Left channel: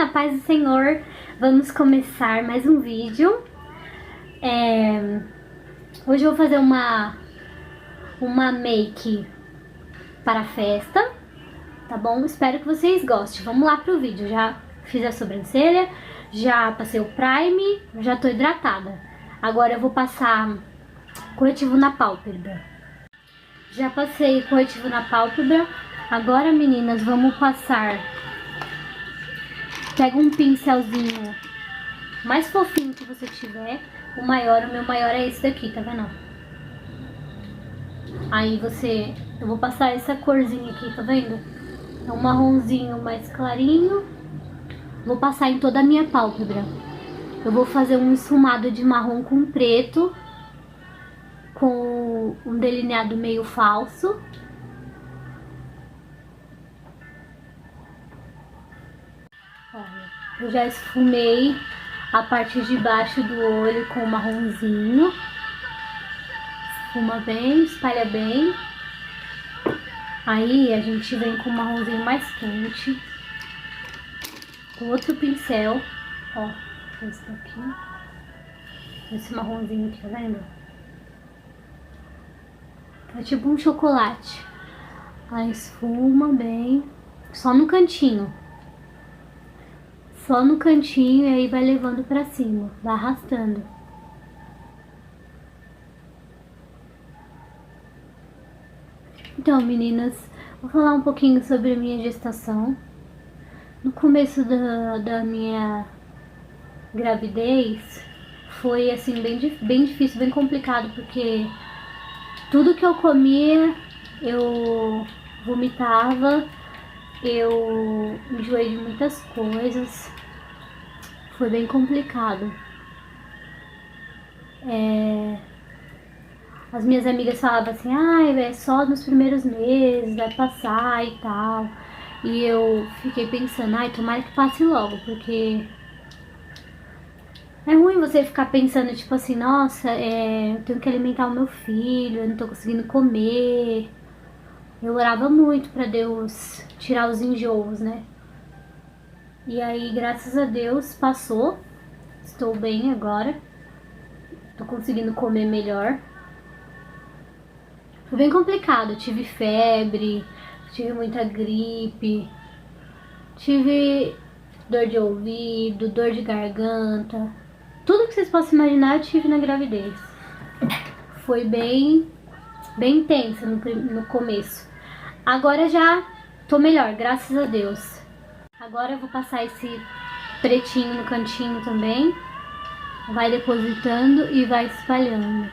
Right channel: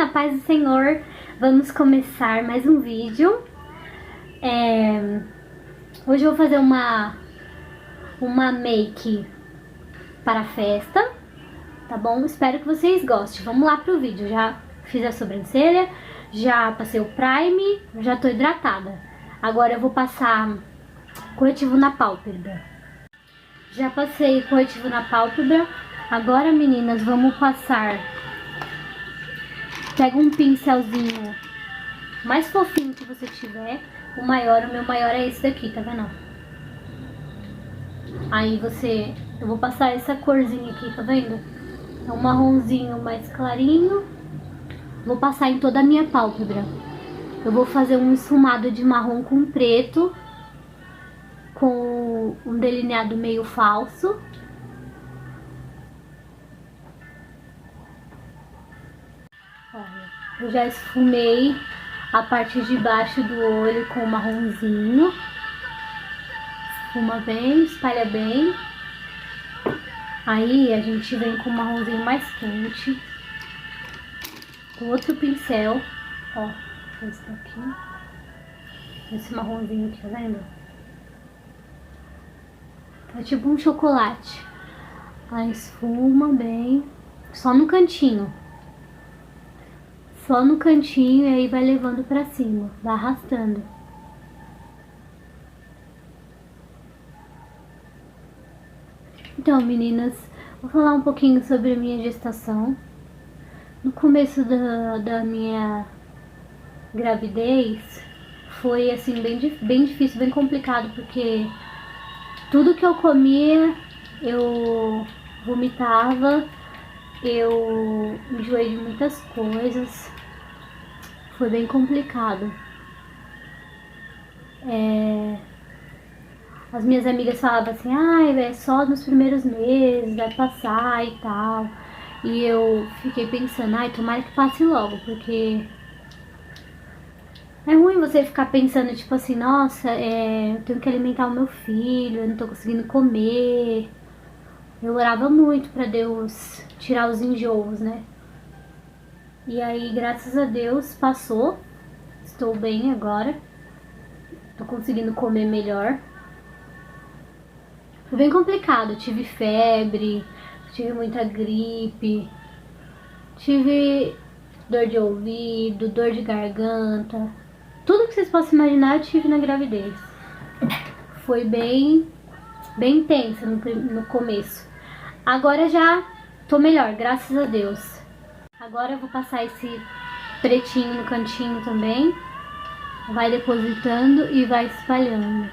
bem? A paz do Senhor. Vamos começar mais um vídeo. Hoje eu vou fazer uma make para a festa, tá bom? Espero que vocês gostem. Vamos lá pro vídeo. Já fiz a sobrancelha, já passei o prime, já tô hidratada. Agora eu vou passar corretivo na pálpebra. Já passei corretivo na pálpebra. Agora, meninas, vamos passar. Pega um pincelzinho mais fofinho que você tiver. O meu maior é esse daqui, tá vendo? Aí eu vou passar essa corzinha aqui, tá vendo? É um marronzinho mais clarinho. Vou passar em toda a minha pálpebra. Eu vou fazer um esfumado de marrom com preto, com um delineado meio falso. Olha, eu já esfumei a parte de baixo do olho com o marronzinho. Esfuma bem, espalha bem. Aí a gente vem com o marronzinho mais quente. Com outro pincel, ó, esse daqui. Esse marronzinho aqui, tá vendo? É tipo um chocolate. Aí esfuma bem, só no cantinho. Só no cantinho, e aí vai levando pra cima, vai arrastando. Então, meninas, vou falar um pouquinho sobre a minha gestação. No começo da minha gravidez, foi assim, bem difícil, bem complicado, porque tudo que eu comia, eu vomitava, eu enjoei de muitas coisas. Foi bem complicado. As minhas amigas falavam assim, é só nos primeiros meses, vai passar e tal. E eu fiquei pensando, tomara que passe logo, porque é ruim você ficar pensando, tipo assim, nossa, eu tenho que alimentar o meu filho, eu não tô conseguindo comer. Eu orava muito pra Deus tirar os enjoos, né? E aí, graças a Deus, passou. Estou bem agora. Tô conseguindo comer melhor. Foi bem complicado. Tive febre, tive muita gripe, tive dor de ouvido, dor de garganta. Tudo que vocês possam imaginar eu tive na gravidez. Foi bem intensa no começo. Agora já tô melhor, graças a Deus. Agora eu vou passar esse pretinho no cantinho também. Vai depositando e vai espalhando.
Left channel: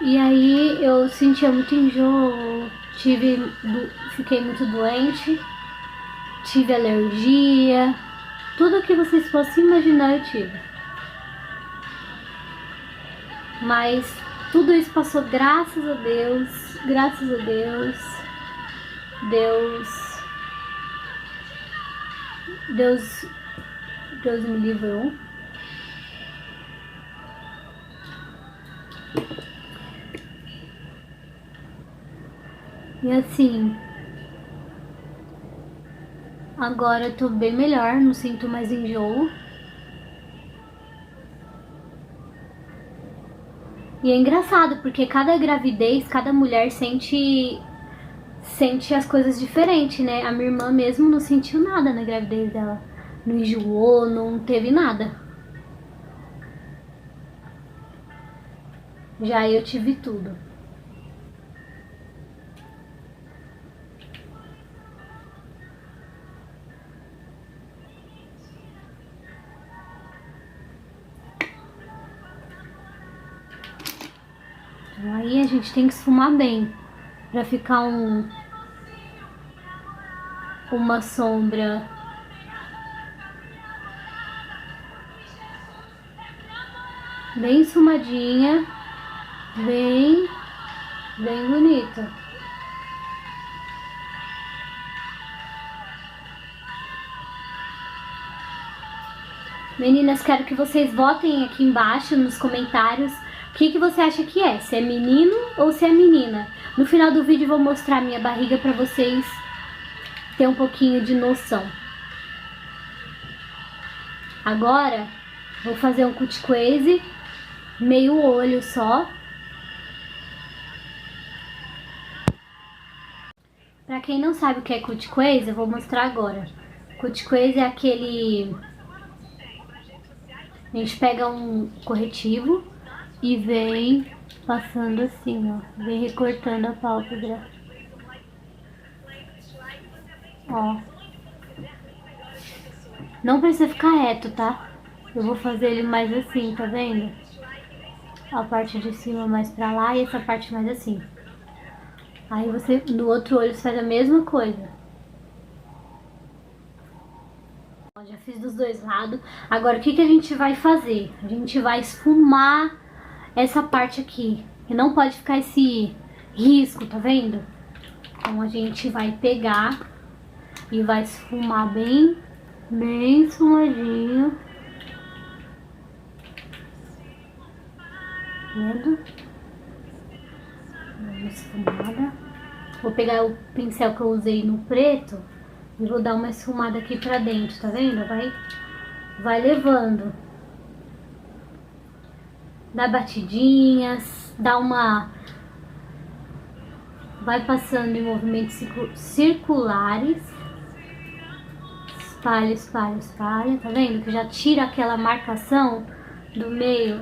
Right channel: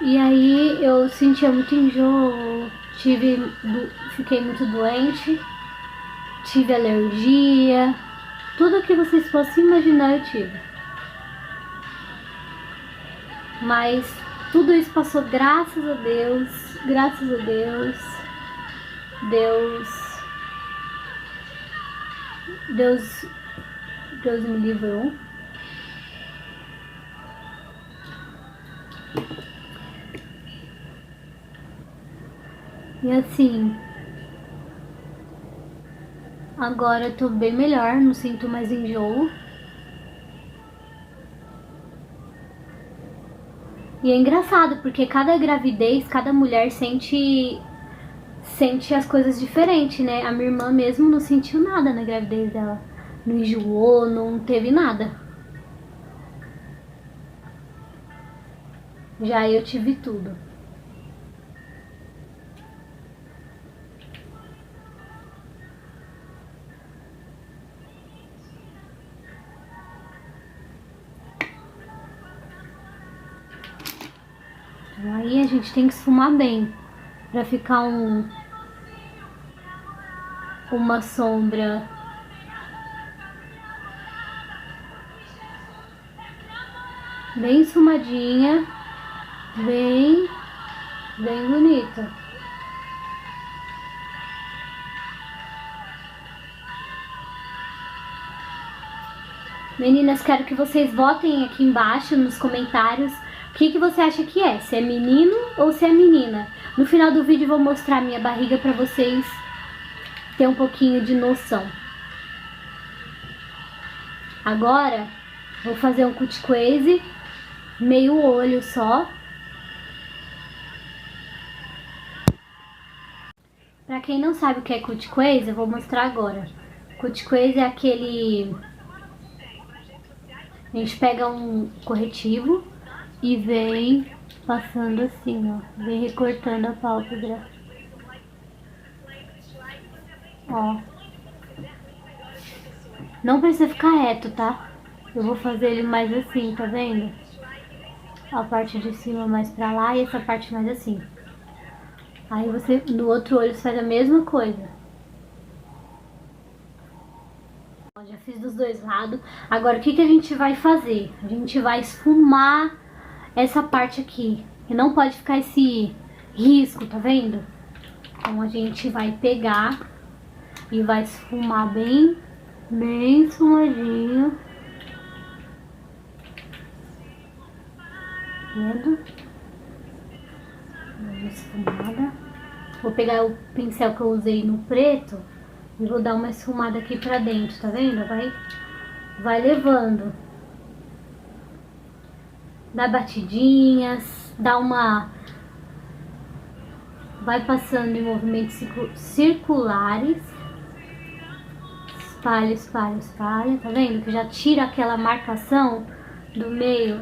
E aí eu sentia muito enjoo, fiquei muito doente, tive alergia, tudo que vocês possam imaginar eu tive. Mas tudo isso passou, graças a Deus, graças a Deus. Deus me livrou. E assim, agora eu tô bem melhor, não sinto mais enjoo. E é engraçado, porque cada gravidez, cada mulher sente as coisas diferentes, né? A minha irmã mesmo não sentiu nada na gravidez dela. Não enjoou, não teve nada. Já eu tive tudo. Então aí a gente tem que esfumar bem, pra ficar uma sombra bem esfumadinha, bem bonita. Meninas, quero que vocês votem aqui embaixo nos comentários o que você acha que é, se é menino ou se é menina. No final do vídeo eu vou mostrar minha barriga pra vocês ter um pouquinho de noção. Agora, vou fazer um cut squeeze, meio olho só. Pra quem não sabe o que é cut squeeze, eu vou mostrar agora. Cut squeeze é aquele... A gente pega um corretivo e vem passando assim, ó. Vem recortando a pálpebra. Ó. Não precisa ficar reto, tá? Eu vou fazer ele mais assim, tá vendo? A parte de cima mais pra lá e essa parte mais assim. Aí você, no outro olho, você faz a mesma coisa. Ó, já fiz dos dois lados. Agora, o que a gente vai fazer? A gente vai esfumar essa parte aqui. E não pode ficar esse risco, tá vendo? Então, a gente vai pegar e vai esfumar bem esfumadinho. Vendo? Esfumada. Vou pegar o pincel que eu usei no preto e vou dar uma esfumada aqui pra dentro, tá vendo? Vai levando. Dá batidinhas, dá uma... Vai passando em movimentos circulares. Espalha, espalha, espalha, tá vendo? Que já tira aquela marcação do meio.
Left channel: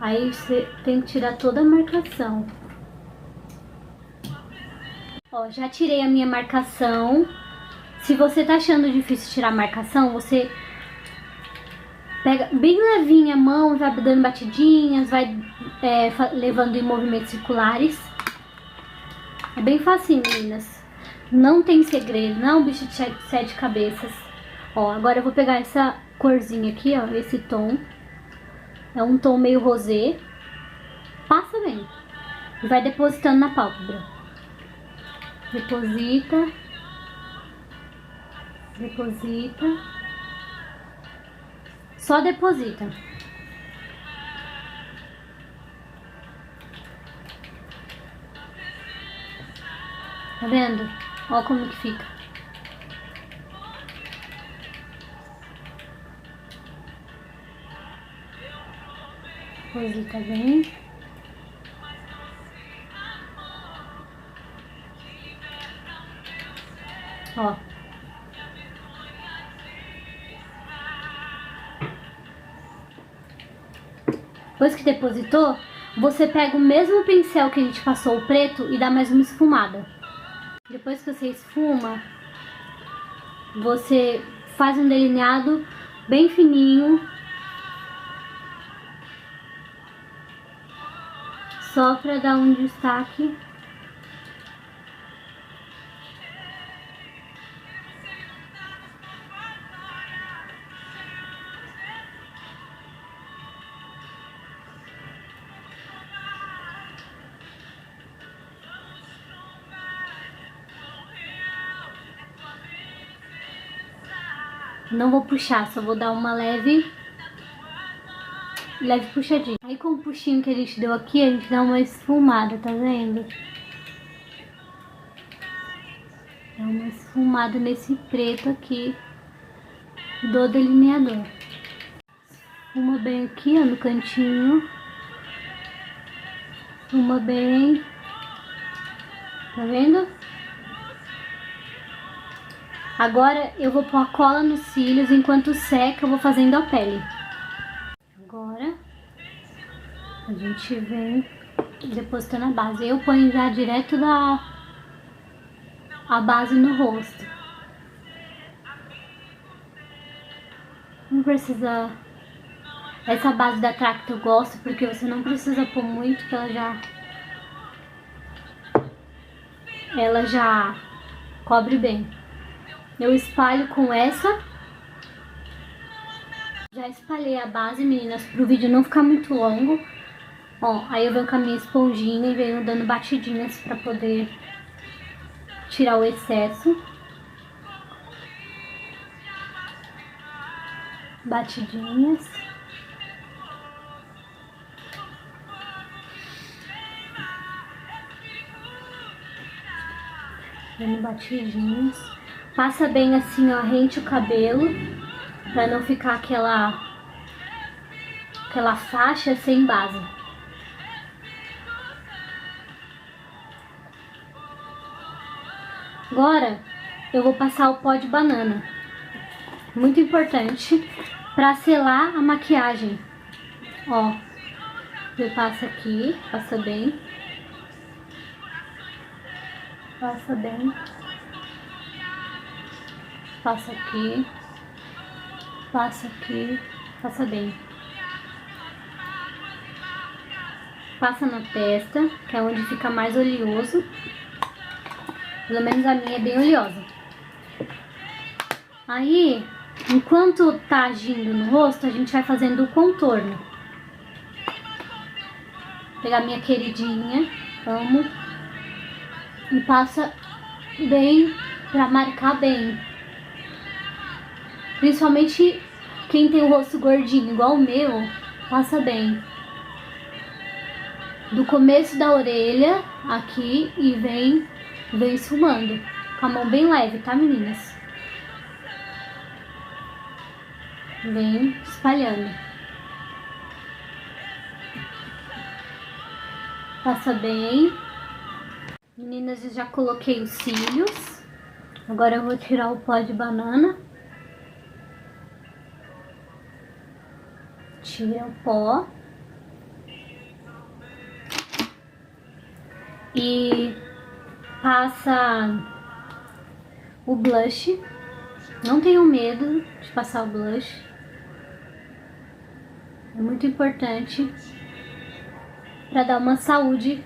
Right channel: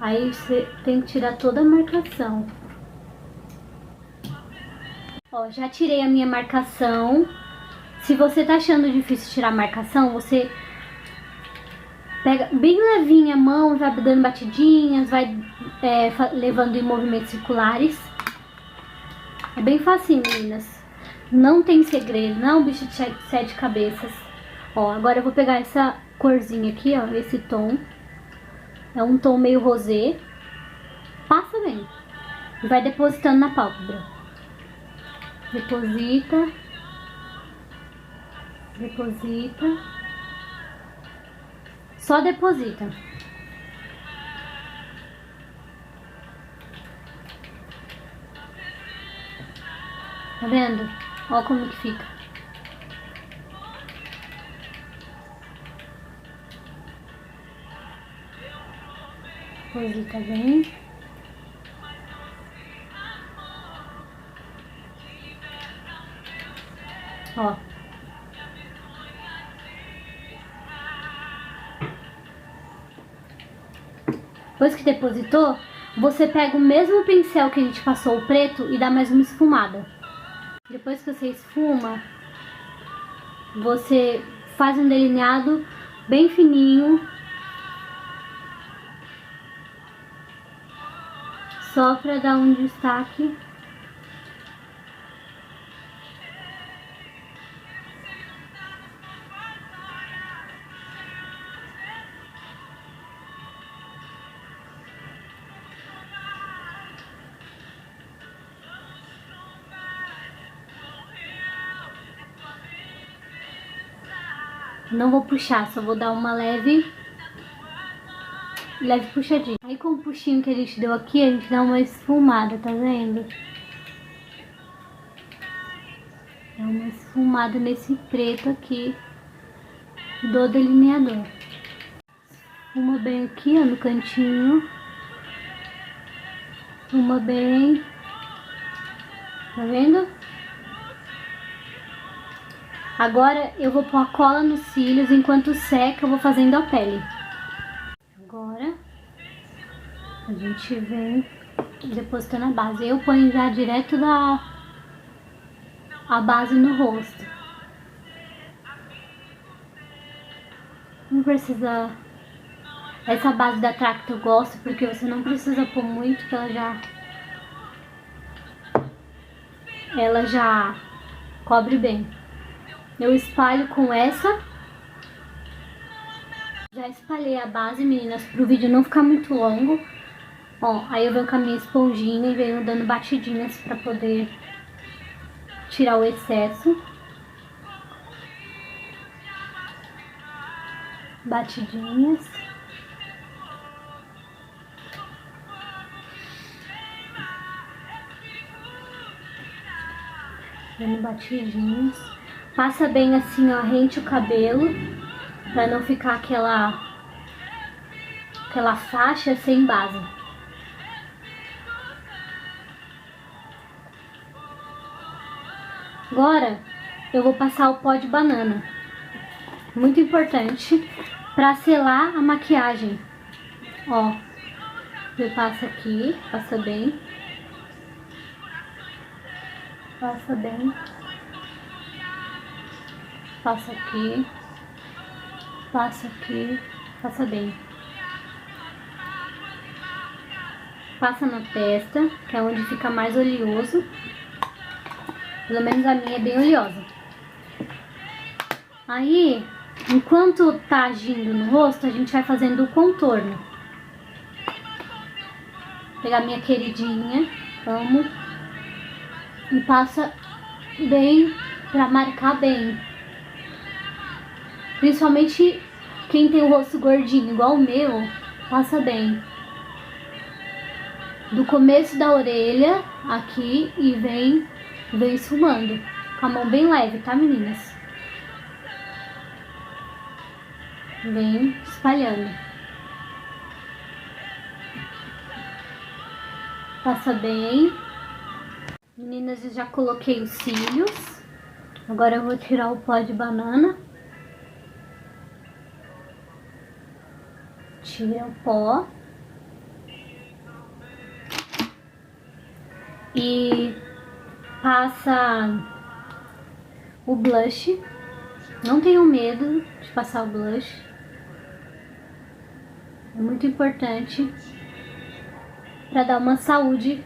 Aí você tem que tirar toda a marcação. Ó, já tirei a minha marcação. Se você tá achando difícil tirar a marcação, você pega bem levinha a mão e vai dando batidinhas, vai levando em movimentos circulares. É bem facinho, meninas. Não tem segredo, não é um bicho de sete cabeças. Ó, agora eu vou pegar essa corzinha aqui, ó, esse tom. É um tom meio rosé. Passa bem. E vai depositando na pálpebra. Deposita. Deposita. Só deposita. Tá vendo? Ó como que fica. Deposita bem. Ó. Depois que depositou, você pega o mesmo pincel que a gente passou o preto e dá mais uma esfumada. Depois que você esfuma, você faz um delineado bem fininho. Só pra dar um destaque. Não vou puxar, só vou dar uma leve puxadinha. Aí com o puxinho que a gente deu aqui, a gente dá uma esfumada, tá vendo? Dá uma esfumada nesse preto aqui do delineador. Esfuma bem aqui, ó, no cantinho. Esfuma bem. Tá vendo? Agora eu vou pôr a cola nos cílios, enquanto seca eu vou fazendo a pele. Agora a gente vem depositando a base. Eu ponho já direto a base no rosto. Não precisa... Essa base da Tracta eu gosto porque você não precisa pôr muito, que ela já cobre bem. Eu espalho com essa. Já espalhei a base, meninas, pro vídeo não ficar muito longo. Ó, aí eu venho com a minha esponjinha e venho dando batidinhas pra poder tirar o excesso. Batidinhas. dando batidinhos. Passa bem assim, ó, rente o cabelo, pra não ficar aquela faixa sem base. Agora eu vou passar o pó de banana, muito importante para selar a maquiagem. Ó, você passa aqui, passa bem, passa bem, passa aqui, passa bem. Passa na testa, que é onde fica mais oleoso. Pelo menos a minha é bem oleosa. Aí, enquanto tá agindo no rosto, a gente vai fazendo o contorno. Vou pegar minha queridinha, amo, e passa bem pra marcar bem. Principalmente quem tem o rosto gordinho, igual o meu, passa bem. Do começo da orelha, aqui, e vem esfumando. Com a mão bem leve, tá, meninas? Vem espalhando. Passa bem. Meninas, eu já coloquei os cílios. Agora eu vou tirar o pó de banana. Tira o pó. E passa o blush. Não tenham medo de passar o blush. É muito importante para dar uma saúde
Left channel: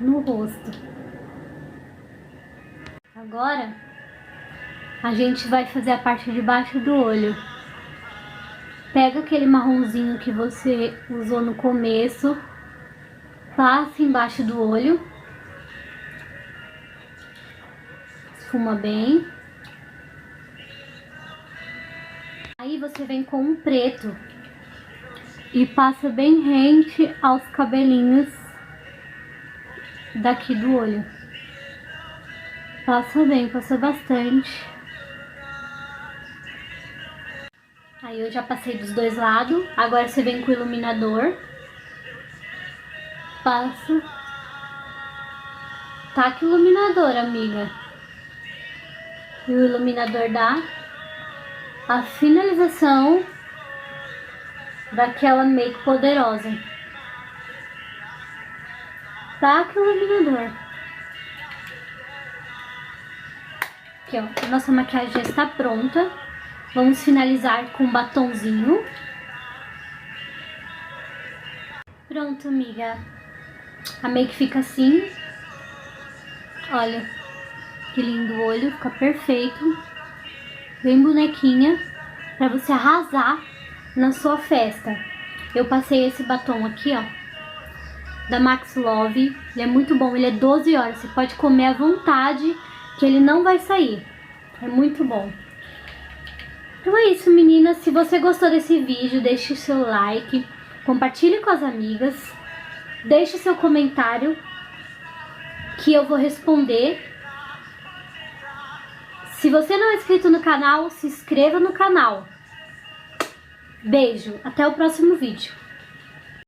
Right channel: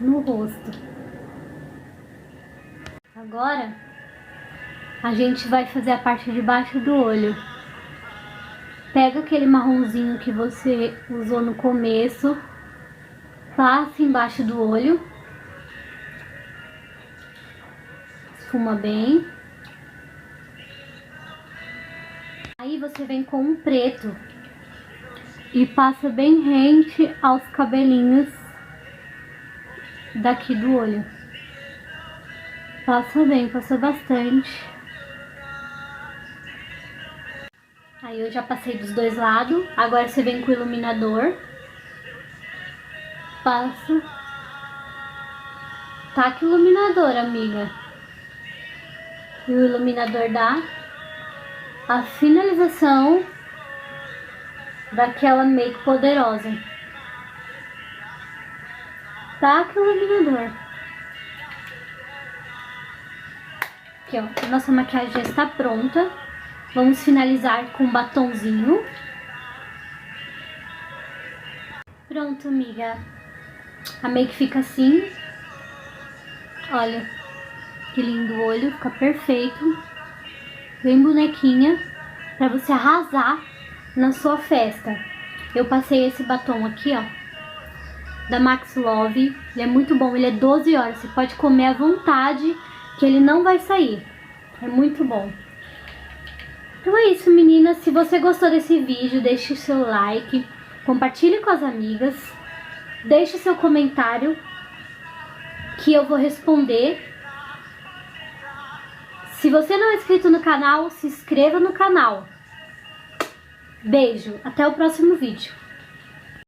no rosto. Agora a gente vai fazer a parte de baixo do olho. Pega aquele marronzinho que você usou no começo, passa embaixo do olho, esfuma bem. Aí você vem com um preto e passa bem rente aos cabelinhos daqui do olho. Passa bem, passa bastante. Aí eu já passei dos dois lados. Agora você vem com o iluminador. Passa. Taca o iluminador, amiga. E o iluminador dá a finalização daquela make poderosa. Taca o iluminador. Aqui, ó. A nossa maquiagem já está pronta. Vamos finalizar com um batonzinho. Pronto, amiga. A make fica assim. Olha, que lindo o olho. Fica perfeito. Bem bonequinha. Pra você arrasar na sua festa. Eu passei esse batom aqui, ó. Da Max Love. Ele é muito bom. Ele é 12 horas. Você pode comer à vontade, que ele não vai sair. É muito bom. Então é isso, meninas. Se você gostou desse vídeo, deixe o seu like, compartilhe com as amigas, deixe o seu comentário que eu vou responder. Se você não é inscrito no canal, se inscreva no canal. Beijo, até o próximo vídeo.